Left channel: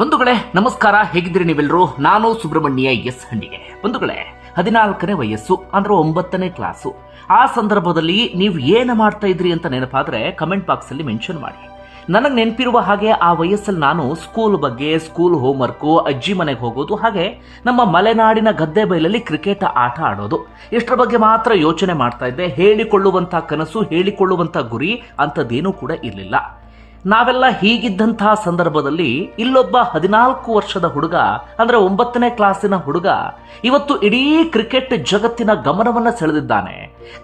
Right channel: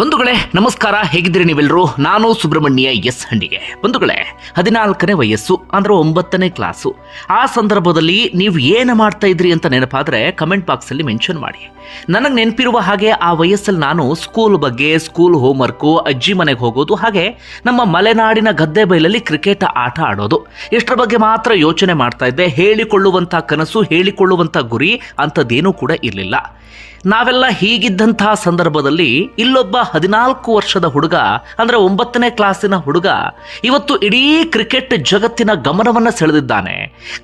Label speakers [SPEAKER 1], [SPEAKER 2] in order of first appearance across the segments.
[SPEAKER 1] ಬಂಧುಗಳೇ, ನಮಸ್ಕಾರ. ಹೇಗಿದ್ದೀರಿ ನೀವೆಲ್ಲರೂ ನಾನು ಸುಬ್ರಹ್ಮಣ್ಯ ಎಸ್ ಹಂಡಿಗೆ. ಬಂಧುಗಳೇ, ಹದಿನಾಲ್ಕನೇ ವಯಸ್ಸು, ಅಂದ್ರೆ ಒಂಬತ್ತನೇ ಕ್ಲಾಸು. ಆ ಸಂದರ್ಭದಲ್ಲಿ ನೀವು ಏನು ಮಾಡ್ತಾ ಇದ್ರಿ ಅಂತ ನೆನಪಾದ್ರೆ ಕಮೆಂಟ್ ಬಾಕ್ಸಲ್ಲಿ ಮೆನ್ಷನ್ ಮಾಡಿ. ನನಗೆ ನೆನಪಿರುವ ಹಾಗೆ ಆ ವಯಸ್ಸಲ್ಲಿ ನಾನು ಸ್ಕೂಲ್ ಬಗ್ಗೆ ಸ್ಕೂಲ್ ಹೋಮ್ವರ್ಕು ಅಜ್ಜಿ ಮನೆಗೆ ಹೋಗೋದು ಹಾಗೆ ನಮ್ಮ ಮಲೆನಾಡಿನ ಗದ್ದೆ ಬೈಲಲ್ಲಿ ಕ್ರಿಕೆಟ್ ಆಟ ಆಡೋದು. ಇಷ್ಟರ ಬಗ್ಗೆ ಮಾತ್ರ ಯೋಚನೆ ಮಾಡ್ತಾ ಇದ್ದೆ. ಹೇಳಿಕೊಳ್ಳುವಂಥ ಕನಸು, ಹೇಳಿಕೊಳ್ಳುವಂಥ ಗುರಿ ಅಂಥದ್ದೇನೂ ಕೂಡ ಇರಲಿಲ್ಲ. ನಾವೆಲ್ಲ ಹೀಗಿದ್ದಂತಹ ಸಂದರ್ಭದಲ್ಲಿ ಇಲ್ಲೊಬ್ಬ ಹದಿನಾಲ್ಕು ವರ್ಷದ ಹುಡುಗ, ಅಂದರೆ ಒಂಬತ್ತನೇ ಕ್ಲಾಸಿನ ಹುಡುಗ, ಇವತ್ತು ಇಡೀ ಕ್ರಿಕೆಟ್ ಜಗತ್ತಿನ ಗಮನವನ್ನ ಸೆಳೆದಿದ್ದಾನೆ.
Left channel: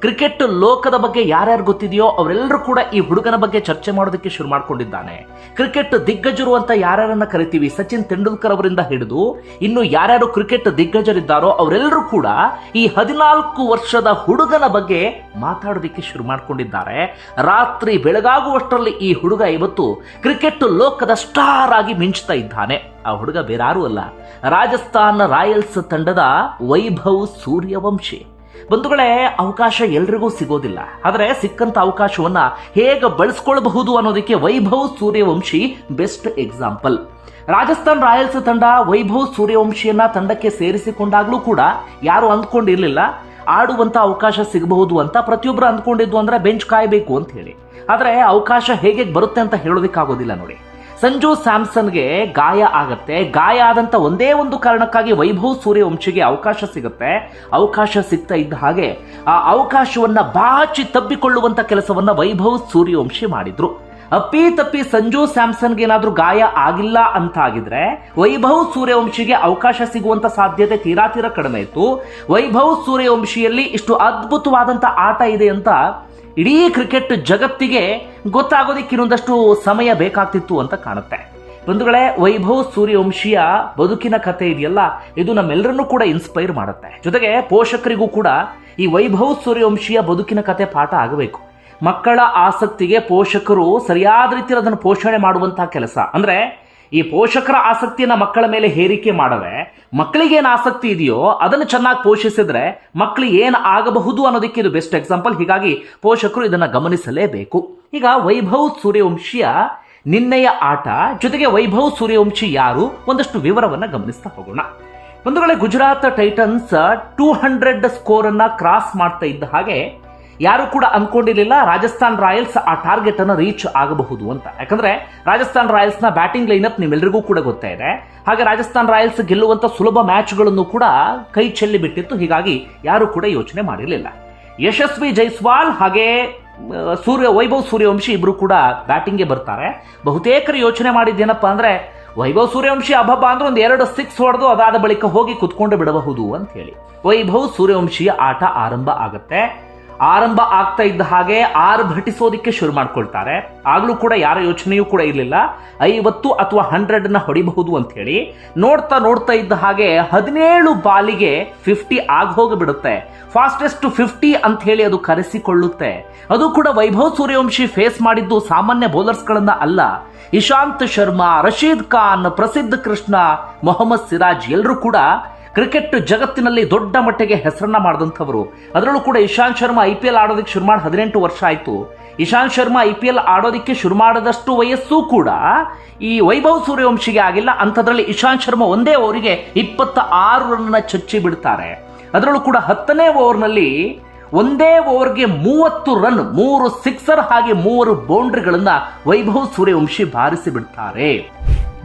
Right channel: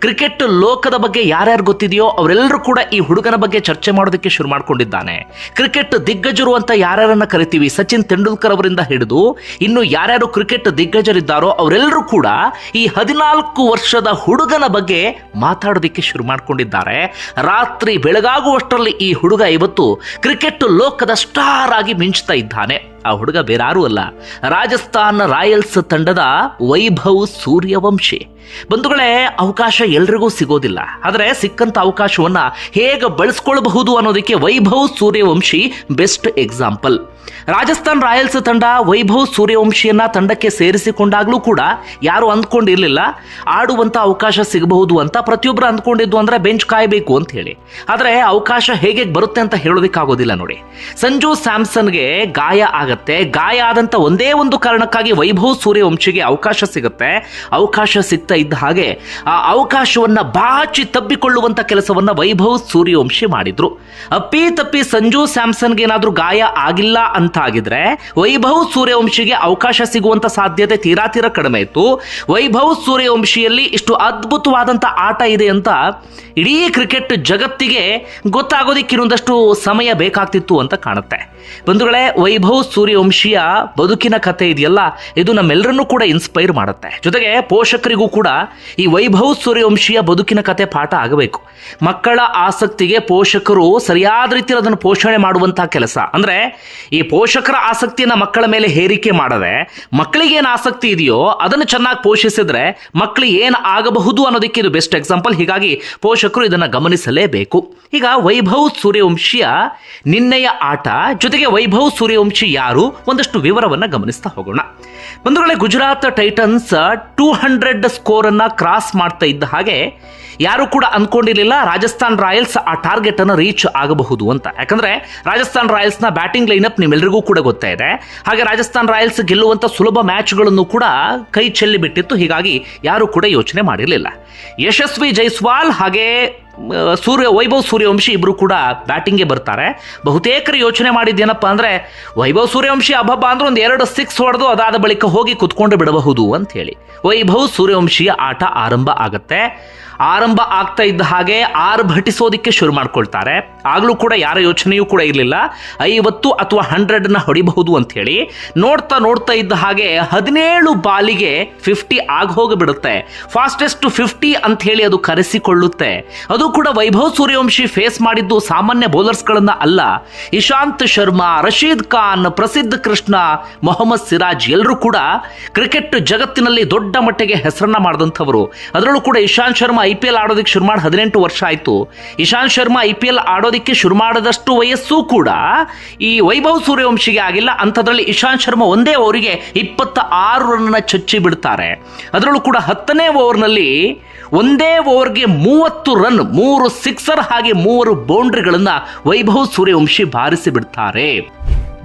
[SPEAKER 1] ಕ್ರಿಕೆಟ್ ಲೋಕದ ಬಗ್ಗೆ ಯಾರ್ಯಾರು ಗೊತ್ತಿದೆಯೋ ಅವರೆಲ್ಲರೂ ಕೂಡ ಈ ಹುಡುಗನ ಬಗ್ಗೆ ಚರ್ಚೆ ಮಾಡೋದಕ್ಕೆ ಶುರು ಮಾಡ್ಕೊಂಡಿದ್ದಾನೆ. ಕ್ರಿಕೆಟ್ ದಿಗ್ಗಜರು ಅಂತ ಯಾರ್ಯಾರನ್ನ ಕರಿತೀವಿ? ಸಚಿನ್ ತೆಂಡೂಲ್ಕರ್ ಅವರಿಂದ ಹಿಡಿದು ಇನ್ನು ಯಾರ್ಯಾರು ಕ್ರಿಕೆಟ್ ದಿಗ್ಗಜರಿದ್ದಾರೋ ಅವರೆಲ್ಲರೂ ಕೂಡ ಈ ಹದಿನಾಲ್ಕು ವರ್ಷದ ಹುಡುಗನ ಬಗ್ಗೆ ಮಾತಾಡೋದಿಕ್ಕೆ ಶುರು ಮಾಡ್ಕೊಂಡಿದ್ದಾರೆ. ರಾತ್ರಿ ಬೆಳಗಾಗುವಷ್ಟರಲ್ಲಿ ಈ ಹುಡುಗ ಇವತ್ತು ಕ್ರಿಕೆಟ್ ಲೋಕದ ಸ್ಟಾರ್ ಆಗಿ ಮಿಂಚ್ತಾ ಇದ್ದಾನೆ. ಆ ಹುಡುಗ ಬೇರಾರೂ ಅಲ್ಲ. ರಾಜಸ್ಥಾನ್ ರಾಯಲ್ಸ್ ತಂಡದ ವೈಭವ್ ಸೂರ್ಯವಂಶಿ. ಬಂಧುಗಳೇ ಅವಕಾಶ ಎಲ್ರಿಗೂ ಸಿಗೋದಿಲ್ಲ. ಆದರೆ ಸಿಕ್ಕಂತ ಅವಕಾಶವನ್ನ ಹೇಗೆ ಬಳಸ್ಕೊಳ್ಬಹುದು ಅನ್ನೋದಕ್ಕೆ Vaibhav Suryavanshi best example. Rajasthan Royals ತಂಡ ವೈಭವ್ ಸೂರ್ಯವಂಶಿಯನ್ನ ತಂಡಕ್ಕೆ ಸೇರಿಸಿಕೊಂಡಾಗ್ಲೂ ಕೂಡ ಯಾರು ಅಂದ್ಕೊಂಡಿರ್ಲಿಲ್ಲ. ಆಡುವಂತ ಅವಕಾಶ ಸಿಗಬಹುದು ಅಂತ ಪ್ರತಿಯೊಬ್ಬರು ಅಂದ್ಕೊಂಡಿದ್ದು ಅಂದ್ರೆ ಬೆಂಚ್ ಕಾಯಬೇಕು ಅಂತ ಹೇಳಿ. ಆದರೆ ಅವಕಾಶ ಹೇಗೆ ಬರುತ್ತೆ ಅಂತ ಹೇಳೋದಕ್ಕಾಗೋದಿಲ್ಲ ನೋಡಿ. ಸಂಜು ಸ್ಯಾಮ್ಸನ್ಗೆ ಗಾಯ ಆಗತ್ತೆ. ಗಾಯ ಆದಂತ ಒಂದೇ ಒಂದು ಕಾರಣಕ್ಕಾಗಿ ವೈಭವ್ ಸೂರ್ಯವಂಶಿಗೆ ಅವಕಾಶ ಸಿಗುತ್ತೆ. ಅವಕಾಶ ಸಿಗ್ತಾ ಇದ್ದ ಹಾಗೆ ಆ ಅವಕಾಶವನ್ನ ಬಾಚಿ ತಬ್ಬಿಕೊಳ್ಳುವಂತ ಕೆಲಸವನ್ನ ವೈಭವ್ ಸೂರ್ಯವಂಶಿ ಮಾಡಿದ್ರು. ಅಪ್ಪಿ ತಪ್ಪಿ ಸಂಜು ಸ್ಯಾಮ್ಸನ್ಗೆ ಏನಾದ್ರೂ ಗಾಯ ಆಗಿಲ್ಲ ಅಂತ ಆಗಿದ್ರೆ ವೈಭವ್ ಸೂರ್ಯವಂಶಿಗೆ ಅವಕಾಶ ಸಿಗುವಂತ ಸಾಧ್ಯತೆ ತೀರಾ ತೀರಾ ಕಡಿಮೆ ಇತ್ತು. ವೈಭವ್ ಸೂರ್ಯವಂಶಿಯಲ್ಲಿ ಇಷ್ಟು ಅದ್ಭುತವಾದಂತ ಆಟ ಇದೆ ಅಂತ ಇಡೀ ಕ್ರಿಕೆಟ್ ಜಗತ್ತಿಗೆ ಗೊತ್ತಾಗೋದಕ್ಕೆ ಇನ್ನೊಂದಷ್ಟು ಸಮಯ ಬೇಕಾಗ್ತಿತ್ತು ಅಂತ ಕಾಣುತ್ತೆ. ಬಂಧುಗಳೇ, ವೈಭವ್ ಸೂರ್ಯವಂಶಿಯ ಬದುಕಿನ ಕಥೆ ಇದೆಯಲ್ಲ, ಇದು ನಮ್ಮೆಲ್ಲರನ್ನೂ ಕೂಡ ಇನ್ಸ್ಪೈರ್ ಮಾಡುತ್ತೆ. ಜೊತೆಗೆ ಪೋಷಕರಿಗೂ ಕೂಡ ಈ ವೈಭವ್ ಸೂರ್ಯವಂಶಿಯ ಬದುಕಿನ ಕತೆ ಪಾಠ ಆಗಬೇಕು. ಮಕ್ಕಳ ಆಸಕ್ತಿಗೆ ಪೋಷಕರು ಸರಿಯಾದ ರೀತಿಯಲ್ಲಿ ಅದನ್ನು ಪೋಷಣೆ ಮಾಡುವಂತಹ ಕೆಲಸ. ಅಂದ್ರೆ ಈ ಪೋಷಕರ ಆಸಕ್ತಿಯನ್ನ ಮಕ್ಕಳ ಮೇಲೆ ಹೇರಿಕೆ ಮಾಡದೆ ಮಕ್ಕಳಿಗೆ ಏನು ಆಸಕ್ತಿ ಇದೆಯೋ ಅದನ್ನು ಚೆನ್ನಾಗಿ ಪೋಷಿಸಿದ್ರೆ ಮಕ್ಕಳು ಏನು ಆಗಬಹುದು ಅನ್ನೋದಕ್ಕೆ ಇದು ಬೆಸ್ಟ್ ಎಕ್ಸಾಂಪಲ್. ಹೀಗಾಗಿ ಪೋಷಕರು ಇದನ್ನು ಗಮನಿಸಲೇಬೇಕು. ಈಗ ವೈಭವ್ ಸೂರ್ಯವಂಶಿಯ ನಿನ್ನೆಯ ಆಟ ಜೊತೆಗೆ ವೈಭವ್ ಸೂರ್ಯವಂಶಿ ಯಾರು? ಒಂದಷ್ಟು ವಿವರವನ್ನು ಗಮನಿಸ್ತಾ ಹೋಗೋಣ. ಬಂಧುಗಳೇ Gujarat Titans two hundred score ಅನ್ನ ಕ್ರಾಸ್ ಮಾಡ್ತಾ ಇದ್ದ ಹಾಗೆ ಯಾರು ಕೂಡ ಅಂದ್ಕೊಂಡಿರಲಿಲ್ಲ ರಾಜಸ್ಥಾನ್ ರಾಯಲ್ಸ್ ಆ ಟಾರ್ಗೆಟ್ ಅನ್ನು ರೀಚ್ ಆಗಬಹುದು ಅಂತ. ಯಾಕಂದ್ರೆ ರಾಜಸ್ಥಾನ್ ರಾಯಲ್ಸ್ನ ಬ್ಯಾಟಿಂಗ್ ಅಪ್ ನಿಮ್ಮೆಲ್ಲರಿಗೂ ಕೂಡ ಗೊತ್ತೇ ಇದೆ. ಹಾಗೆ ರಾಜಸ್ಥಾನ್ ರಾಯಲ್ಸ್ ಗೆಲ್ಲುವಂತ ಸುಲಭ ಮ್ಯಾಚ್ಗಳನ್ನು ಕೂಡ ಕೈ ಚೆಲ್ಲಿ ಬಿಟ್ಟಿತ್ತು. ಹೀಗಾಗಿ ಯಾರು ಕೂಡ ಯೋಚನೆ ಮಾಡಿರಲಿಲ್ಲ. ಯಶಸ್ವಿ ಜೈಸ್ವಾಲ್ ಹಾಗೆ ಸೂರ್ಯ, ವೈಭವ್ ಸೂರ್ಯವಂಶಿ ಇಬ್ರು ಕೂಡ ಬ್ಯಾಟಿಂಗ್ಗೆ ಬರ್ತಾರೆ. ಬಹುತೇಕರು ಯೋಚನೆ ಮಾಡಿದ್ದೇನಪ್ಪ ಅಂದರೆ, ವೈಭವ್ ಸೂರ್ಯವಂಶಿ ಅಬ್ಬಬ್ಬ ಅಂದ್ರೆ ಒಂದು ಎರಡು ಸಿಕ್ಸ್ ಹೊಡೆದು ಅದಾದ ಬಳಿಕ ಹೋಗಿ ಕುತ್ಕೊಂಡು ಬಿಡಬಹುದು ಅಂತ ಹೇಳಿ. ವೈಭವ್ ಸೂರ್ಯವಂಶಿಯ ಆಟ ಆರಂಭ ಆಗತ್ತೆ. ಆರಂಭ ಆಗ್ತಾ ಇದ್ದ ಹಾಗೆ ಆರ್ಭಟಿಸೋದಿಕ್ಕೆ ಶುರು ಮಾಡ್ಕೊಳ್ತಾರೆ. ಆಗಲೂ ಕೂಡ ಯಾರ ಯೋಚನೆಯೂ ಕೂಡ ಇರಲಿಲ್ಲ. ಐವತ್ತು ಅಥವಾ ಹಂಡ್ರೆಡ್ನ ಹೊಡಿಬಹುದು ಅಂತ ಹೇಳಿ ನೋಡ್ತಾ ನೋಡ್ತಾ ಇದ್ದ ಹಾಗೆ ಹದಿನೇಳು ಬಾಲಿಗೆ ಫಿಫ್ಟಿ ಆಗ ಹೋಗಿಬಿಡುತ್ತೆ. ಫಾಸ್ಟೆಸ್ಟ್ ಫಿಫ್ಟಿ ಅಂತ ಹೇಳಿ ಅದು ಕರೆಸಿಕೊಳ್ಳುತ್ತೆ. ಅದು ಕೂಡ ವೈಭವ್ ಸೂರ್ಯವಂಶಿ ಫೇಸ್ ಮಾಡಿದ್ದು ಸಾಮಾನ್ಯ ಬೌಲರ್ಸ್ಗಳನ್ನ ಅಲ್ಲ. ಇಶಾಂತ್ ಶರ್ಮಾ, ರಶೀದ್ ಖಾನ್, ಪ್ರಸಿದ್ಧ ಕೃಷ್ಣ, ಮೊಹಮ್ಮದ್ ಸಿರಾಜ್ ಎಲ್ಲರೂ ಕೂಡ ಕ್ರಿಕೆಟ್ ಜಗತ್ತಿನಲ್ಲಿ ದೊಡ್ಡ ಮಟ್ಟಿಗೆ ಹೆಸರನ್ನ ಮಾಡಿದಂಥವರು. ಅದರಲ್ಲೂ ಕೂಡ Ishant Sharma I P L ಆಡೋದಕ್ಕೆ ಶುರು ಮಾಡಿ ಹದಿನೆಂಟು ವರ್ಷ ಆಯಿತು. Ishant Sharma I P L ಆಡೋದಕ್ಕೆ ಶುರು ಮಾಡದಷ್ಟು ವಯಸ್ಸು ಕೂಡ ಈ ವೈಭವ್ ಸೂರ್ಯವಂಶಿಗೆ ಆಗಿಲ್ಲ. ಅಂಥದ್ರಲ್ಲಿ ಇಶಾಂತ್ ಶರ್ಮಾ ಒಂದೇ ಓವರಿಗೆ ಇಪ್ಪತ್ತ ಆರು ರನ್ನ ಚಚ್ಚಿ ಬಿಡ್ತಾರೆ. ಅದರಲ್ಲೂ ಕೂಡ ಹತ್ತನೇ ಓವರ್ನಲ್ಲಿ ಒಂದೇ ಓವರ್ಗೆ ಮೂವತ್ತು ರನ್, ಮೂರು ಸಿಕ್ಸರ್ ಹಾಗೆ ಮೂವರು ಬೌಂಡ್ರಿಗಳನ್ನು ವೈಭವ್ ಸೂರ್ಯವಂಶಿ ಬಾರಿಸಿ ಬಿಡ್ತಾರೆ.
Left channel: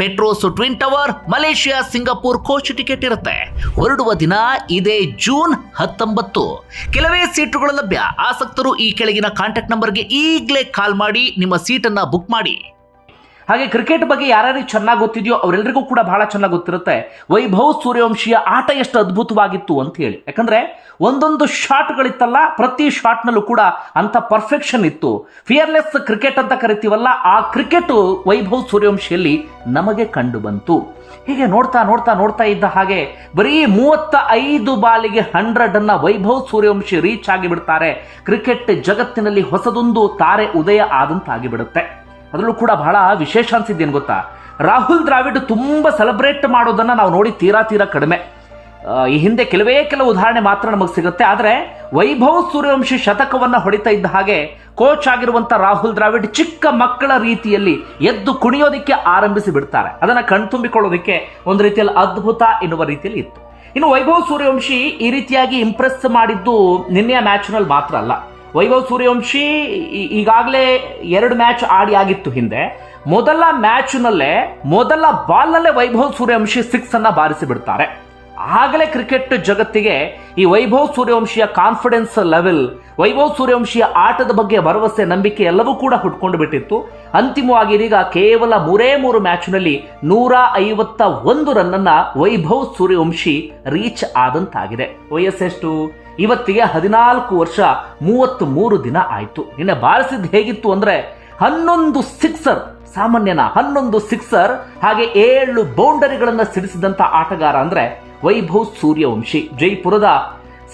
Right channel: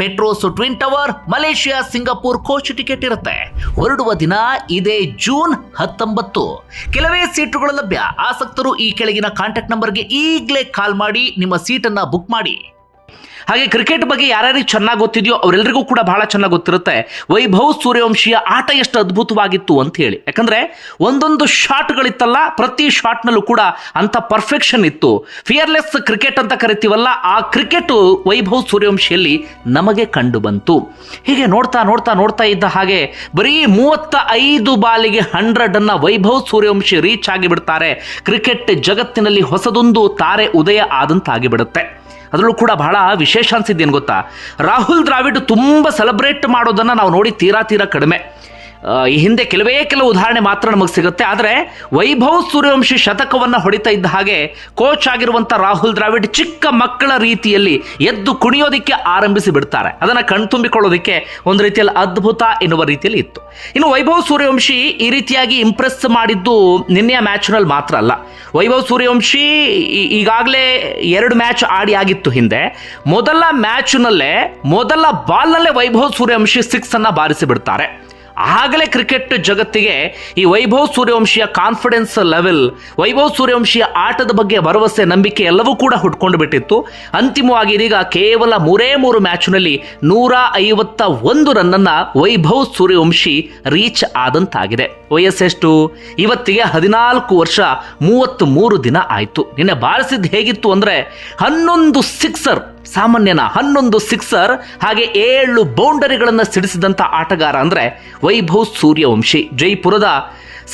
[SPEAKER 1] Petronas twin tower, Malaysia, Singapore coach ticket ಇರುತ್ತೆ. ಹೊರಡುವ ದಿನ ಇದೇ ಜೂನ್ ಹತ್ತೊಂಬತ್ತು. ಕೆಲವೇ ಸೀಟುಗಳು ಲಭ್ಯ. ಆಸಕ್ತರು ಈ ಕೆಳಗಿನ ಕಾಂಟ್ಯಾಕ್ಟ್ ನಂಬರ್ಗೆ ಈಗಲೇ ಕಾಲ್ ಮಾಡಿ ನಿಮ್ಮ ಸೀಟನ್ನ ಬುಕ್ ಮಾಡಿ. ಹಾಗೆ ಕ್ರಿಕೆಟ್ ಬಗ್ಗೆ ಯಾರ್ಯಾರಿಗೆ ಚೆನ್ನಾಗಿ ಗೊತ್ತಿದೆಯೋ ಅವರೆಲ್ಲರಿಗೂ ಕೂಡ ಬಹಳ ಚೆನ್ನಾಗಿ ಗೊತ್ತಿರುತ್ತೆ. ವೈಭವ್ ಸೂರ್ಯವಂಶಿಯ ಆಟ ಎಷ್ಟು ಅದ್ಭುತವಾಗಿತ್ತು ಅಂತ ಹೇಳಿ. ಯಾಕಂದ್ರೆ ಒಂದೊಂದು ಶಾಟ್ಗಳಿತ್ತಲ್ಲ ಪ್ರತಿ ಶಾಟ್ನಲ್ಲೂ ಕೂಡ ಅಂತ ಪರ್ಫೆಕ್ಷನ್ ಇತ್ತು. ಫಿಯರ್ಲೆಸ್ ಕ್ರಿಕೆಟ್ ಅಂತ ಕರಿತೀವಲ್ಲ, ಆ ಕ್ರಿಕೆಟ್ ವೈಭವ್ ಸೂರ್ಯವಂಶಿಯಲ್ಲಿ ನಮಗೆ ಕಂಡು ಬಂತು ಹೀಗೆ ನೋಡ್ತಾ ನೋಡ್ತಾ ನೋಡ್ತಾ ಇದ್ದ ಹಾಗೆ ಬರೀ ಮೂವತ್ತ ಐದು ಬಾಲಿಗೆ ಹಂಡ್ರೆಡ್ ಅನ್ನ ವೈಭವ್ ಸೂರ್ಯವಂಶಿ ರೀಚ್ ಆಗಿಬಿಡ್ತಾರೆ. ಕ್ರಿಕೆಟ್ ಜಗತ್ತಿನಲ್ಲಿ ಹೊಸದೊಂದು ತಾರೆ ಉದಯ ಆದಂತಾಗಿಬಿಡುತ್ತೆ. ಅದರಲ್ಲೂ ಕೂಡ ಬಹಳ ವಿಶೇಷ ಅನಿಸಿದ್ದೇನು ಗೊತ್ತಾ? ರಾಹುಲ್ ದ್ರಾವಿಡ್ ತುಂಬ ಸೆಲೆಬ್ರೇಟ್ ಮಾಡೋದನ್ನು ನಾವು ನೋಡಿ ತೀರಾ ತೀರಾ ಕಡಿಮೆ. ಈ ಹಿಂದೆ ಕೆಲವೇ ಕೆಲವು ಉದಾಹರಣೆ ಮಾತ್ರ ನಮಗೆ ಸಿಗುತ್ತೆ. ಆದರೆ ವೈಭವ್ ಸೂರ್ಯವಂಶಿ ಶತಕವನ್ನು ಹೊಡಿತಾ ಇದ್ದ ಹಾಗೆ ಕೋಚ್ ಆಗಿರುವಂಥ ರಾಹುಲ್ ದ್ರಾವಿಡ್ ಚಿಕ್ಕ ಮಕ್ಕಳ ರೀತಿಯಲ್ಲಿ ಎದ್ದು ಕುಣಿಯೋದಕ್ಕೆ ಆರಂಭಿಸಿ ಬಿಡ್ತಾರೆ. ಅದನ್ನು ಕಣ್ತುಂಬಿಕೊಳ್ಳೋದಕ್ಕೆ ಒಂದು ರೀತಿಯಲ್ಲಿ ಅದ್ಭುತ ಎನ್ನುವ ರೀತಿಯಲ್ಲಿ ಇತ್ತು. ಇನ್ನು ವೈಭವ್ ಸೂರ್ಯವಂಶಿ ಈ ರೀತಿಯಾಗಿ ಇಂಪ್ರೆಸ್ ಮಾಡಿದ್ದು ನಿನ್ನೆಯ ಮ್ಯಾಚ್ನಲ್ಲಿ ಮಾತ್ರ ಅಲ್ಲ. ವೈಭವ್ ಸೂರ್ಯವಂಶಿ ಈಗಾಗಲೇ ಎರಡು ಮ್ಯಾಚ್ ಆಡಿ ಆಗಿತ್ತು ಹಿಂದೆ. ಮೊದಲ ಮ್ಯಾಚ್ನಲ್ಲೇ ಮೊದಲ ಬಾಲ್ನಲ್ಲೇ ವೈಭವ್ ಸೂರ್ಯವಂಶಿ ಸಿಕ್ಸ್ ಅನ್ನ ಬಾರಿಸಿ ಬಿಡ್ತಾರೆ. ಆಗಲೇ ಕ್ರಿಕೆಟ್ ಜಗತ್ತಿಗೆ ಈ ವೈಭವ್ ಸೂರ್ಯವಂಶಿಯ ಕಾನ್ಫಿಡೆನ್ಸ್ ಲೆವೆಲ್ ವೈಭವ್ ಸೂರ್ಯವಂಶಿಯ ಆಟದ ಬಗ್ಗೆ ಭರವಸೆ, ನಂಬಿಕೆ ಎಲ್ಲವೂ ಕೂಡ ಹುಟ್ಕೊಂಡು ಬಿಟ್ಟಿತ್ತು. ಅಂತಿಮವಾಗಿ ಇದೀಗ ಕೇವಲ ಮೂರೇ ಮೂರು ಮ್ಯಾಚ್ನಲ್ಲಿ ನೂರ ಐವತ್ತ ಒಂದು ರನ್ನನ್ನ ವೈಭವ್ ಸೂರ್ಯವಂಶಿ ರೀಚ್ ಆದಂತಾಗಿದೆ. ವಯಸ್ಸೆಷ್ಟು ಇವತ್ತಿಗೆ ಹದಿನಾಲ್ಕು ವರ್ಷ, ಮೂವತ್ತ್ ಮೂರು ದಿನ ಆಯಿತು. ನಿನ್ನೆ ಬಾರಿಸಿದ್ದು ಹೇಗಿತ್ತು ಅಂದ್ರೆ ಹನ್ನೊಂದು ಸಿಕ್ಸರ್ ಸಾಮಾನ್ಯನ ಹನ್ನೊಂದು ಸಿಕ್ಸರ್ ಹಾಗೆ ಏಳು ಬೌಂಡರಿಗಳನ್ನು ಸಿಡಿಸಿದಂಥ ಆಟಗಾರ ಅಂದರೆ ವೈಭವ್ ಸೂರ್ಯವಂಶಿ. ಜೈಪುರದ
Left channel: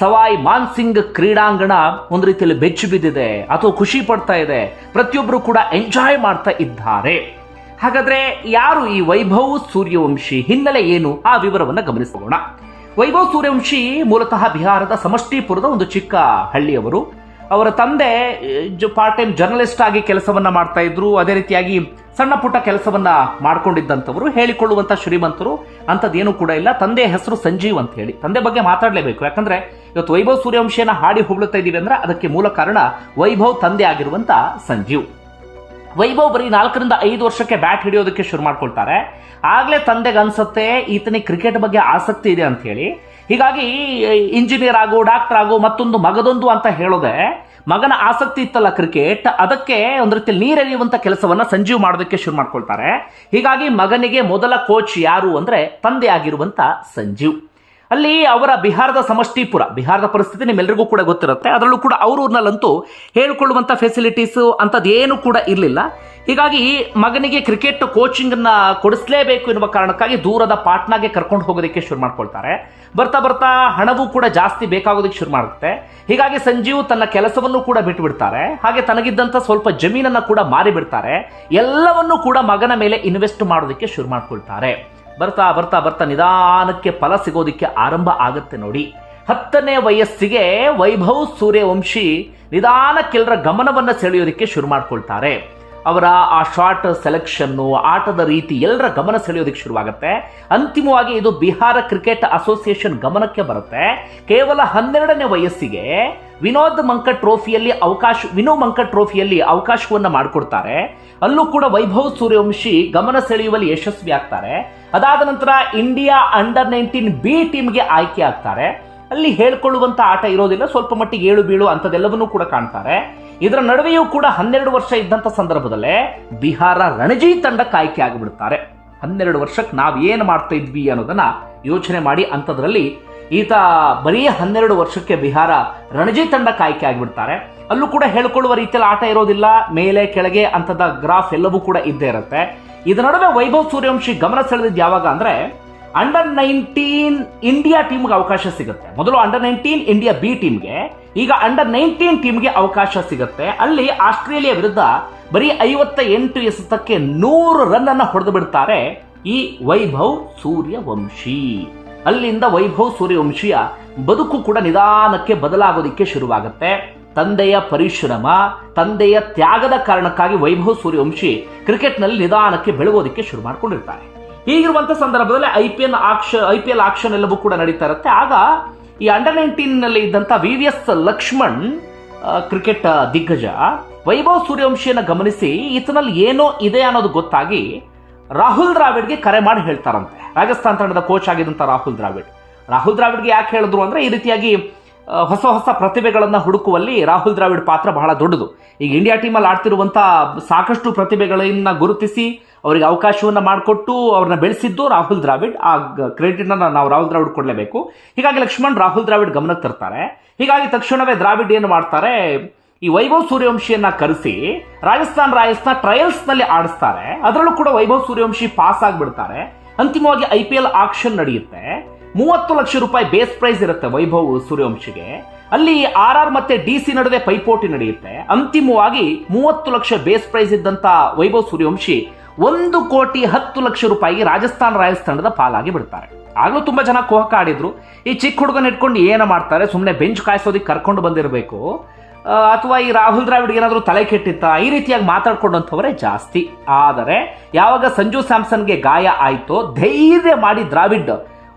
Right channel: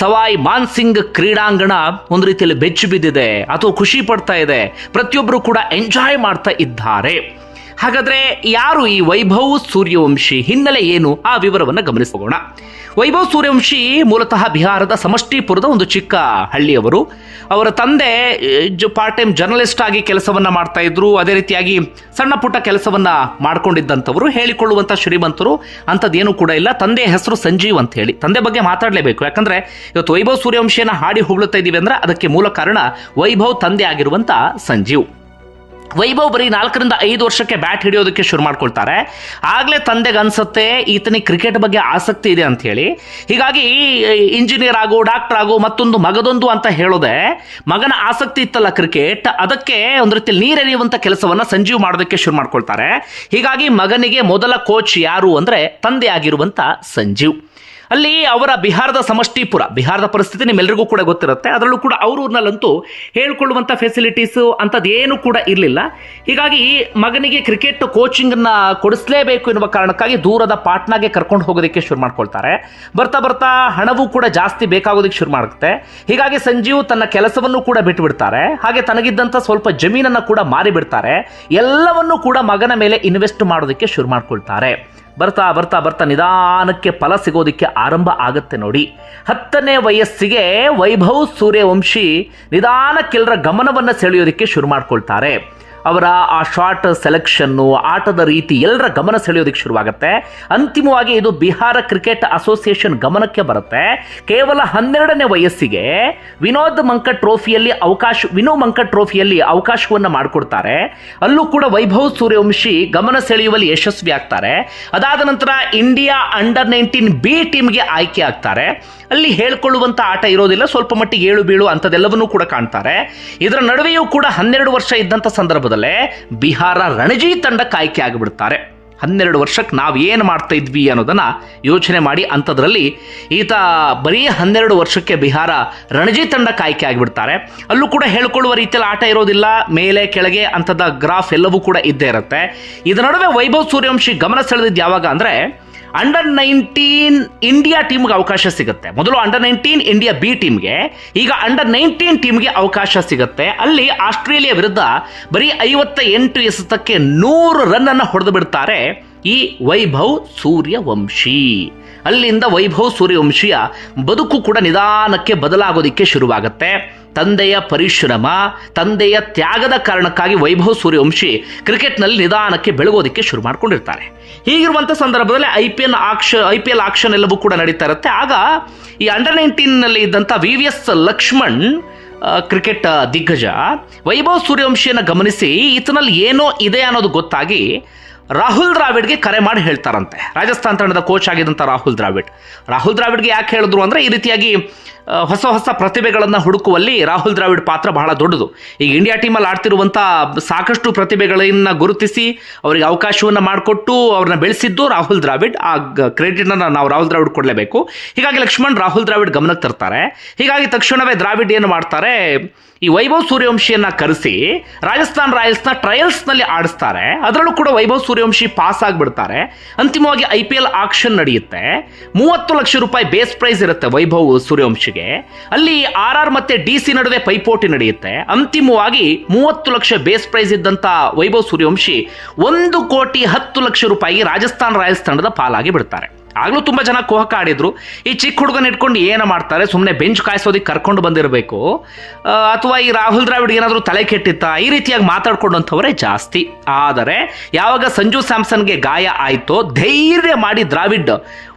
[SPEAKER 1] ಸವಾಯ್ ಮಾನ್ಸಿಂಗ್ ಕ್ರೀಡಾಂಗಣ ಒಂದು ರೀತಿಯಲ್ಲಿ ಬೆಚ್ಚು ಬಿದ್ದಿದೆ, ಅಥವಾ ಖುಷಿ ಪಡ್ತಾ ಇದೆ ಪ್ರತಿಯೊಬ್ಬರು ಕೂಡ ಎಂಜಾಯ್ ಮಾಡ್ತಾ ಇದ್ದಾರೆ. ಹಾಗಾದ್ರೆ ಯಾರು ಈ ವೈಭವ್ ಸೂರ್ಯವಂಶಿ ಹಿನ್ನೆಲೆ ಏನು? ಆ ವಿವರವನ್ನು ಗಮನಿಸೋಣ. ವೈಭವ್ ಸೂರ್ಯವಂಶಿ ಮೂಲತಃ ಬಿಹಾರದ ಸಮಷ್ಟಿಪುರದ ಒಂದು ಚಿಕ್ಕ ಹಳ್ಳಿಯವರು. ಅವರ ತಂದೆ ಪಾರ್ಟ್ ಟೈಮ್ ಜರ್ನಲಿಸ್ಟ್ ಆಗಿ ಕೆಲಸವನ್ನ ಮಾಡ್ತಾ ಇದ್ರು. ಅದೇ ರೀತಿಯಾಗಿ ಸಣ್ಣ ಪುಟ್ಟ ಕೆಲಸವನ್ನ ಮಾಡ್ಕೊಂಡಿದ್ದಂಥವರು. ಹೇಳಿಕೊಳ್ಳುವಂಥ ಶ್ರೀಮಂತರು ಅಂಥದ್ದೇನು ಕೂಡ ಇಲ್ಲ. ತಂದೆ ಹೆಸರು ಸಂಜೀವ್ ಅಂತ ಹೇಳಿ. ತಂದೆ ಬಗ್ಗೆ ಮಾತಾಡಲೇಬೇಕು. ಯಾಕಂದ್ರೆ ಇವತ್ತು ವೈಭವ್ ಸೂರ್ಯವಂಶಿಯನ್ನ ಹಾಡಿ ಹೊಗಳುತ್ತಾ ಇದ್ದೀವಿ ಅಂದರೆ ಅದಕ್ಕೆ ಮೂಲ ಕಾರಣ ವೈಭವ್ ತಂದೆ ಆಗಿರುವಂಥ ಸಂಜೀವ್. ವೈಭವ್ ಬರೀ ನಾಲ್ಕರಿಂದ ಐದು ವರ್ಷಕ್ಕೆ ಬ್ಯಾಟ್ ಹಿಡಿಯೋದಕ್ಕೆ ಶುರು ಮಾಡ್ಕೊಳ್ತಾರೆ. ಆಗಲೇ ತಂದೆಗೆ ಅನ್ಸುತ್ತೆ, ಈತನಿಗೆ ಕ್ರಿಕೆಟ್ ಬಗ್ಗೆ ಆಸಕ್ತಿ ಇದೆ ಅಂತ ಹೇಳಿ. ಹೀಗಾಗಿ ಇಂಜಿನಿಯರ್ ಆಗು ಡಾಕ್ಟರ್ ಆಗು, ಮತ್ತೊಂದು ಮಗದೊಂದು ಅಂತ ಹೇಳೋದೆ ಮಗನ ಆಸಕ್ತಿ ಇತ್ತಲ್ಲ ಕ್ರಿಕೆಟ್, ಅದಕ್ಕೆ ಒಂದು ರೀತಿಯಲ್ಲಿ ನೀರೆರೆಯುವಂಥ ಕೆಲಸವನ್ನ ಸಂಜೀವ್ ಮಾಡೋದಕ್ಕೆ ಶುರು ಮಾಡ್ಕೊಳ್ತಾರೆ. ಹೀಗಾಗಿ ಮಗನಿಗೆ ಮೊದಲ ಕೋಚ್ ಯಾರು ಅಂದ್ರೆ ತಂದೆ ಆಗಿರುವಂಥ ಸಂಜೀವ್. ಅಲ್ಲಿ ಅವರ ಬಿಹಾರದ ಸಮಷ್ಟಿಪುರ, ಬಿಹಾರದ ಪರಿಸ್ಥಿತಿ ನಿಮ್ಮೆಲ್ಲರಿಗೂ ಕೂಡ ಗೊತ್ತಿರುತ್ತೆ. ಅದರಲ್ಲೂ ಕೂಡ ಅವ್ರ ಊರಿನಲ್ಲಂತೂ ಹೇಳ್ಕೊಳ್ಳುವಂಥ ಫೆಸಿಲಿಟೀಸು ಅಂಥದ್ದೇನೂ ಕೂಡ ಇರಲಿಲ್ಲ. ಹೀಗಾಗಿ ಮಗನಿಗೆ ಕ್ರಿಕೆಟ್ ಕೋಚಿಂಗನ್ನು ಕೊಡಿಸಲೇಬೇಕು ಎನ್ನುವ ಕಾರಣಕ್ಕಾಗಿ ದೂರದ ಪಾಟ್ನಾಗೆ ಕರ್ಕೊಂಡು ಹೋಗೋದಕ್ಕೆ ಶುರು ಮಾಡ್ಕೊಳ್ತಾರೆ. ಬರ್ತಾ ಬರ್ತಾ ಹಣವೂ ಕೂಡ ಜಾಸ್ತಿ ಬೇಕಾಗೋದಕ್ಕೆ ಶುರು ಮಾಡುತ್ತೆ. ಹೀಗಾಗಿ ಸಂಜೀವ್ ತನ್ನ ಕೆಲಸವನ್ನು ಕೂಡ ಬಿಟ್ಟುಬಿಡ್ತಾರೆ ಹಾಗೆ ತನಗಿದ್ದಂಥ ಸ್ವಲ್ಪ ಜಮೀನನ್ನು ಕೂಡ ಮಾರಿಬಿಡ್ತಾರೆ. ಎಲ್ಲವನ್ನೂ ಕೂಡ ಮಗನ ಮೇಲೆ ಇನ್ವೆಸ್ಟ್ ಮಾಡೋದಕ್ಕೆ ಶುರು ಮಾಡ್ಕೊಳ್ತಾರೆ. ಬರ್ತಾ ಬರ್ತಾ ಬರ್ತಾ ನಿಧಾನಕ್ಕೆ ಫಲ ಸಿಗೋದಕ್ಕೆ ಆರಂಭ ಆಗುತ್ತೆ ನೋಡಿ. ಹತ್ತನೇ ವಯಸ್ಸಿಗೆ ವೈಭವ್ ಸೂರ್ಯವಂಶಿ ನಿಧಾನಕ್ಕೆಲ್ಲರ ಗಮನವನ್ನು ಸೆಳೆಯೋದಕ್ಕೆ ಶುರು ಮಾಡ್ಕೊಳ್ತಾರೆ. ಅವರ ಆ ಶಾರ್ಟ್ ಸೆಲೆಕ್ಷನ್ನು ಆಟದ ರೀತಿ ಎಲ್ಲರ ಗಮನ ಸೆಳೆಯೋದಕ್ಕೆ ಶುರುವಾಗುತ್ತೆ. ಅಂತಿಮವಾಗಿ ಇದು ಬಿಹಾರ ಕ್ರಿಕೆಟ್ ಅಸೋಸಿಯೇಷನ್ ಗಮನಕ್ಕೆ ಬರುತ್ತೆ. ಕೇವಲ ಹನ್ನೆರಡನೇ ವಯಸ್ಸಿಗೆ ವಿನೋದ್ ಮಂಕಟ್ ಟ್ರೋಫಿಯಲ್ಲಿ ಅವಕಾಶ, ವಿನೋ ಮಂಕಟ್ ಟ್ರೋಫಿಯಲ್ಲಿ ಅವಕಾಶವನ್ನು ಮಾಡಿಕೊಡ್ತಾರೆ. ಅಲ್ಲೂ ಕೂಡ ವೈಭವ್ ಸೂರ್ಯವಂಶಿ ಗಮನ ಸೆಳೆಯುವಲ್ಲಿ ಯಶಸ್ವಿ ಆಗ್ತಾರೆ. ಅದಾದ ನಂತರ ಇಂಡಿಯಾ ಅಂಡರ್ ನೈನ್ಟೀನ್ ಬಿ ಟೀಮ್ಗೆ ಆಯ್ಕೆ ಆಗ್ತಾರೆ. ಅಲ್ಲಿ ಹೇಳ್ಕೊಳ್ಳುವಂಥ ಆಟ ಇರೋದಿಲ್ಲ, ಸ್ವಲ್ಪ ಮಟ್ಟಿಗೆ ಏಳು ಬೀಳು ಅಂಥದ್ದೆಲ್ಲವನ್ನೂ ಕೂಡ ಕಾಣ್ತಾರೆ. ಇದರ ನಡುವೆಯೂ ಕೂಡ ಹನ್ನೆರಡು ವರ್ಷ ಇದ್ದಂಥ ಸಂದರ್ಭದಲ್ಲೇ ಬಿಹಾರ ರಣಜಿ ತಂಡಕ್ಕೆ ಆಯ್ಕೆ ಆಗಿಬಿಡ್ತಾರೆ. ಹನ್ನೆರಡು ವರ್ಷಕ್ಕೆ ನಾವು ಏನು ಮಾಡ್ತಾ ಇದ್ವಿ ಅನ್ನೋದನ್ನ ಯೋಚನೆ ಮಾಡಿ ಅಂಥದ್ರಲ್ಲಿ ಈತ ಬರೀ ಹನ್ನೆರಡು ವರ್ಷಕ್ಕೆ ಬಿಹಾರ ರಣಜಿ ತಂಡಕ್ಕೆ ಆಯ್ಕೆ ಆಗಿಬಿಡ್ತಾರೆ. ಅಲ್ಲೂ ಕೂಡ ಹೇಳ್ಕೊಳ್ಳುವ ರೀತಿಯಲ್ಲಿ ಆಟ ಇರೋದಿಲ್ಲ. ಮೇಲೆ, ಕೆಳಗೆ ಅಂಥದ್ದು ಗ್ರಾಫ್ ಎಲ್ಲವೂ ಕೂಡ ಇದ್ದೇ ಇರುತ್ತೆ. ಇದರ ನಡುವೆ ವೈಭವ್ ಸೂರ್ಯವಂಶಿ ಗಮನ ಸೆಳೆದಿದ್ದು ಯಾವಾಗ ಅಂದರೆ ಅಂಡರ್ ನೈನ್ಟೀನ್ ಇಂಡಿಯಾ ಟೀಮ್ಗೆ ಅವಕಾಶ ಸಿಗುತ್ತೆ. ಮೊದಲು ಅಂಡರ್ ನೈನ್ಟೀನ್ ಇಂಡಿಯಾ ಬಿ ಟೀಮ್ಗೆ ಈಗ ಅಂಡರ್ ನೈನ್ಟೀನ್ ಟೀಮ್ಗೆ ಅವಕಾಶ ಸಿಗುತ್ತೆ. ಅಲ್ಲಿ ಆಸ್ಟ್ರೇಲಿಯಾ ವಿರುದ್ಧ ಬರೀ ಐವತ್ತ ಎಂಟು ಎಸೆತಕ್ಕೆ ನೂರು ರನ್ ಅನ್ನು ಹೊಡೆದು ಬಿಡ್ತಾರೆ ಈ ವೈಭವ್ ಸೂರ್ಯವಂಶಿ. ಅಲ್ಲಿಂದ ವೈಭವ್ ಸೂರ್ಯವಂಶಿಯ ಬದುಕು ಕೂಡ ನಿಧಾನಕ್ಕೆ ಬದಲಾಗೋದಿಕ್ಕೆ ಶುರುವಾಗುತ್ತೆ. ತಂದೆಯ ಪರಿಶ್ರಮ, ತಂದೆಯ ತ್ಯಾಗದ ಕಾರಣಕ್ಕಾಗಿ ವೈಭವ್ ಸೂರ್ಯವಂಶಿ ಕ್ರಿಕೆಟ್ನಲ್ಲಿ ನಿಧಾನಕ್ಕೆ ಬೆಳಗೋದಕ್ಕೆ ಶುರು ಮಾಡ್ಕೊಂಡಿರ್ತಾರೆ. ಹೀಗಿರುವಂಥ ಸಂದರ್ಭದಲ್ಲಿ I P L auction, I P L auction ಎಲ್ಲವೂ ಕೂಡ ನಡೀತಾ ಇರುತ್ತೆ. ಆಗ ಈ ಅಂಡರ್ ನೈನ್ಟೀನ್ನಲ್ಲಿ ಇದ್ದಂಥ V V S Laxman cricket ದಿಗ್ಗಜ, ವೈಭವ್ ಸೂರ್ಯವಂಶಿಯನ್ನು ಗಮನಿಸಿ, ಈತನಲ್ಲಿ ಏನೋ ಇದೆ ಅನ್ನೋದು ಗೊತ್ತಾಗಿ ರಾಹುಲ್ ದ್ರಾವಿಡ್ಗೆ ಕರೆ ಮಾಡಿ ಹೇಳ್ತಾರಂತೆ. ರಾಜಸ್ಥಾನ್ ತಂಡದ ಕೋಚ್ ಆಗಿದ್ದಂಥ ರಾಹುಲ್ ದ್ರಾವಿಡ್. ರಾಹುಲ್ ದ್ರಾವಿಡ್ಗೆ ಯಾಕೆ ಹೇಳಿದ್ರು ಅಂದರೆ ಈ ರೀತಿಯಾಗಿ ಹೊಸ ಹೊಸ ಪ್ರತಿಭೆಗಳನ್ನು ಹುಡುಕುವಲ್ಲಿ ರಾಹುಲ್ ದ್ರಾವಿಡ್ ಪಾತ್ರ ಬಹಳ ದೊಡ್ಡದು. ಈಗ ಇಂಡಿಯಾ ಟೀಮಲ್ಲಿ ಆಡ್ತಿರುವಂಥ ಸಾಕಷ್ಟು ಪ್ರತಿಭೆಗಳನ್ನು ಗುರುತಿಸಿ ಅವರಿಗೆ ಅವಕಾಶವನ್ನು ಮಾಡಿಕೊಟ್ಟು ಅವ್ರನ್ನ ಬೆಳೆಸಿದ್ದು ರಾಹುಲ್ ದ್ರಾವಿಡ್. ಆ ಕ್ರೆಡಿಟ್ನ ನಾವು ರಾಹುಲ್ ದ್ರಾವಿಡ್ ಕೊಡಲೇಬೇಕು. ಹೀಗಾಗಿ ಲಕ್ಷ್ಮಣ್ ರಾಹುಲ್ ದ್ರಾವಿಡ್ ಗಮನಕ್ಕೆ ತರ್ತಾರೆ. ಹೀಗಾಗಿ ತಕ್ಷಣವೇ ದ್ರಾವಿಡ್ ಏನು ಮಾಡ್ತಾರೆ ಈ ವೈಭವ್ ಸೂರ್ಯವಂಶಿಯನ್ನ ಕರೆಸಿ ರಾಜಸ್ಥಾನ್ ರಾಯಲ್ಸ್ನ ಟ್ರಯಲ್ಸ್ನಲ್ಲಿ ಆಡಿಸ್ತಾರೆ. ಅದರಲ್ಲೂ ಕೂಡ ವೈಭವ್ ಸೂರ್ಯವಂಶಿ ಪಾಸ್ ಆಗಿಬಿಡ್ತಾರೆ. ಅಂತಿಮವಾಗಿ ಐ ಪಿ ಎಲ್ ಆಕ್ಷನ್ ನಡೆಯುತ್ತೆ. ಮೂವತ್ತು ಲಕ್ಷ ರೂಪಾಯಿ ಬೇಸ್ ಪ್ರೈಸ್ ಇರುತ್ತೆ ವೈಭವ್ ಸೂರ್ಯವಂಶಿಗೆ. ಅಲ್ಲಿ ಆರ್ ಆರ್ ಮತ್ತೆ ಡಿ ಸಿ ನಡುವೆ ಪೈಪೋಟಿ ನಡೆಯುತ್ತೆ. ಅಂತಿಮವಾಗಿ ಮೂವತ್ತು ಲಕ್ಷ ಬೇಸ್ ಪ್ರೈಸ್ ಇದ್ದಂತ ವೈಭವ್ ಸೂರ್ಯವಂಶಿ ಒಂದು ಕೋಟಿ ಹತ್ತು ಲಕ್ಷ ರೂಪಾಯಿ ರಾಜಸ್ಥಾನ್ ರಾಯಲ್ಸ್ ತಂಡದ ಪಾಲಾಗಿ ಬಿಡ್ತಾರೆ. ಆಗ್ಲೂ ತುಂಬ ಜನ ಕುಹಕ ಆಡಿದ್ರು. ಈ ಚಿಕ್ಕ ಹುಡುಗನ ಇಟ್ಕೊಂಡು ಏನು ಮಾಡ್ತಾರೆ? ಸುಮ್ಮನೆ ಬೆಂಚ್ ಕಾಯಿಸೋದಕ್ಕೆ ಕರ್ಕೊಂಡು ಬಂದಿರಬೇಕು. ಅಥವಾ ಈ ರಾಹುಲ್ ದ್ರಾವಿಡ್ ಏನಾದರೂ ತಲೆ ಕೆಟ್ಟಿತ್ತಾ? ಈ ರೀತಿಯಾಗಿ ಮಾತಾಡ್ಕೊಂಡಂಥವರೇ ಜಾಸ್ತಿ. ಆದರೆ, ಯಾವಾಗ ಸಂಜು ಸ್ಯಾಮ್ಸನ್ಗೆ ಗಾಯ ಆಯಿತೋ, ಧೈರ್ಯ ಮಾಡಿ ದ್ರಾವಿಡ್,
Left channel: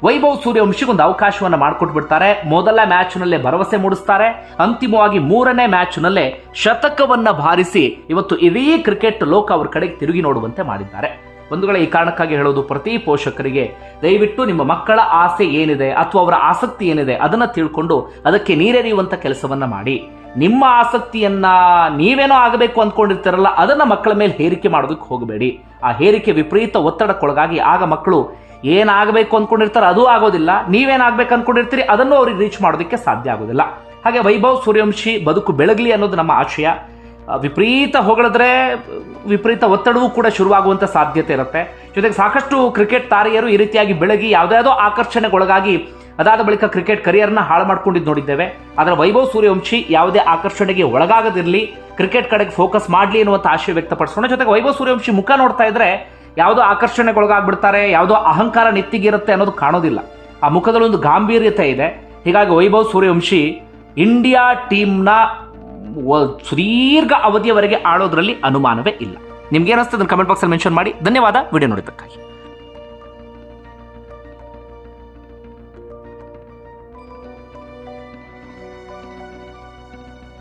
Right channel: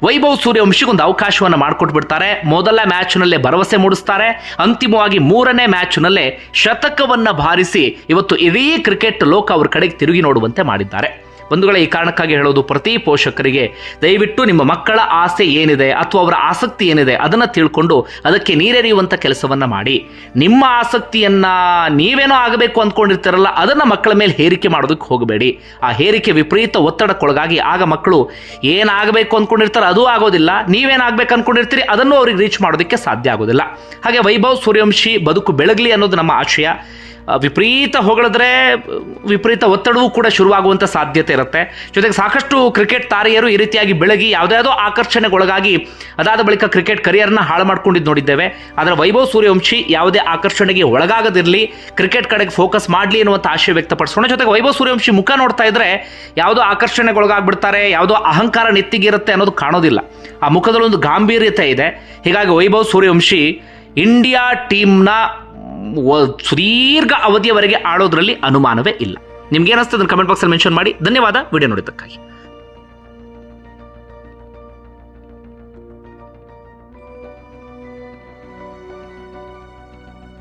[SPEAKER 1] ವೈಭವ್ ಸೂರ್ಯವಂಶಿಗೊಂದು ಅವಕಾಶವನ್ನು ಮಾಡಿಕೊಟ್ಬಿಡ್ತಾರೆ. ಮೊದಲ ಮ್ಯಾಚ್ನಲ್ಲೇ ಭರವಸೆ ಮೂಡಿಸ್ತಾರೆ. ಅಂತಿಮವಾಗಿ ಮೂರನೇ ಮ್ಯಾಚ್ನಲ್ಲೇ ಶತಕವನ್ನು ಬಾರಿಸಿ ಇವತ್ತು ಇಡೀ ಕ್ರಿಕೆಟ್ ಲೋಕ ಅವ್ರ ಕಡೆಗೆ ತಿರುಗಿ ನೋಡುವಂತೆ ಮಾಡಿದ್ದಾರೆ. ಬಂಧುಗಳ ಈ ಕಾರಣಕ್ಕಾಗಿ ಹೇಳೋದು ಪ್ರತಿ ಪೋಷಕರಿಗೆ, ದಯವಿಟ್ಟು ನಿಮ್ಮ ಮಕ್ಕಳ ಆಸೆ ಏನಿದೆ ಅಥವಾ ಅವರ ಆಸಕ್ತಿ ಏನಿದೆ ಅದನ್ನು ತಿಳ್ಕೊಂಡು ಅದಕ್ಕೆ ನೀರೆರಿಯುವಂಥ ಕೆಲಸವನ್ನು ಮಾಡಿ. ನಿಮ್ಮ ಆಸಕ್ತಿಯನ್ನು ನೀವೇನೋ ಆಗಬೇಕು ಅಂದ್ಕೊಂಡಿರ್ತೀರಲ್ಲ, ಅದನ್ನು ಮಕ್ಕಳ ಮೇಲೆ ಹೇರಿಕೆ ಮಾಡೋದಕ್ಕೆ ಹೋಗಬೇಡಿ. ಆ ಹೇರಿಕೆ ವಿಪರೀತ ಒತ್ತಡಕ್ಕೊಳಗಾಗಿ ಆಗ ಮಕ್ಕಳು ಏನಾಗಬೇಕು ಅಂದ್ಕೊಂಡಿರ್ತಾರೆ ಅದು ಆಗೋದಿಲ್ಲ, ನೀವೇನಾಗಬೇಕು ಅಂದ್ಕೊಂಡಿರ್ತೀರಿ ಅದನ್ನು ಅವ್ರಿಗೆ ರೀಚ್ ಮಾಡೋದಕ್ಕೆ ಸಾಧ್ಯ ಆಗೋದಿಲ್ಲ. ಹಾಗೆ ವೈಭವ್ ಸೂರ್ಯವಂಶಿ ಬದುಕು ಬೆಳಗಲಿ ಅನ್ನೋದು ನಮ್ಮ ಆಶಯ. ವಿಪರೀತ ಹೊಗಳಿದ್ರೆ ವಿಪರೀತ ಒತ್ತಡವೂ ಕೂಡ ಶುರುವಾಗುವಂಥ ಸಾಧ್ಯತೆ ಇರುತ್ತೆ. ಜೊತೆಗೆ ಸಾಕಷ್ಟು ಕ್ರಿಕೆಟ್ ತಾರೆಯರು ಈ ರೀತಿಯಾಗಿ ಬೆಳಗಿ ಯಾವುದ್ಯಾವುದೋ ಆಕರ್ಷಣೆಗೊಳಗಾಗಿ, ಅದಾದ ಬಳಿಕ ಕ್ರಿಕೆಟ್ ಕರಿಯರ್ನ ಹಾಳು ಮಾಡ್ಕೊಂಡಿದ್ದು ನೋಡಿದ್ದೇವೆ. ಆದರೆ ವೈಭವ್ ಸೂರ್ಯವಂಶಿ ಯಾವುದೇ ಆಕರ್ಷಣೆಗೆ ಒಳಗಾಗದಿರಲಿ, ಕ್ರಿಕೆಟ್ ಕಡೆಗೆ ಫೋಕಸ್ ಮಾಡಲಿ ಅನ್ನುವಂಥ ಆಶಯ ವ್ಯಕ್ತಪಡಿಸೋಣ. ಜೊತೆಗೆ ವೈಭವ್ ಸೂರ್ಯವಂಶಿ ಮುಖ ನೋಡ್ತಾ ಇದ್ರೆ ಯಾವುದೋ ಆಕರ್ಷಣೆಗೊಳಗಾಗ್ಬಿಡ್ತಾರೆ, ಯಾವುದೋ ಅಹಂಕಾರ ನೆತ್ತಿಗಿರುತ್ತೆ ಅನ್ನೋದು ಕಾಣೋದಿಲ್ಲ. ಆ ಮುಖದಲ್ಲೊಂದು ಗಾಂಭೀರ್ಯತೆ ಇದೆ. ಹೀಗಾಗಿ ವೈಭವ್ ಸೂರ್ಯವಂಶಿ ಇಂಡಿಯಾ ಟೀಮ್ನ ಸುದೀರ್ಘ ಅವಧಿಯವರೆಗೆ ಆಡೋದ್ರಲ್ಲಿ ಅನುಮಾನವೇ ಇಲ್ಲ. ನಿಮ್ಗೆ ಏನಿಸ್ತದೆ ಕಮೆಂಟ್ ಬಾಕ್ಸಲ್ಲಿ ಮೆನ್ಷನ್ ಮಾಡಿ. ಧನ್ಯವಾದ. ವಿಡಿಯೋ ನೋಡಿದ್ದಕ್ಕಾಗಿ.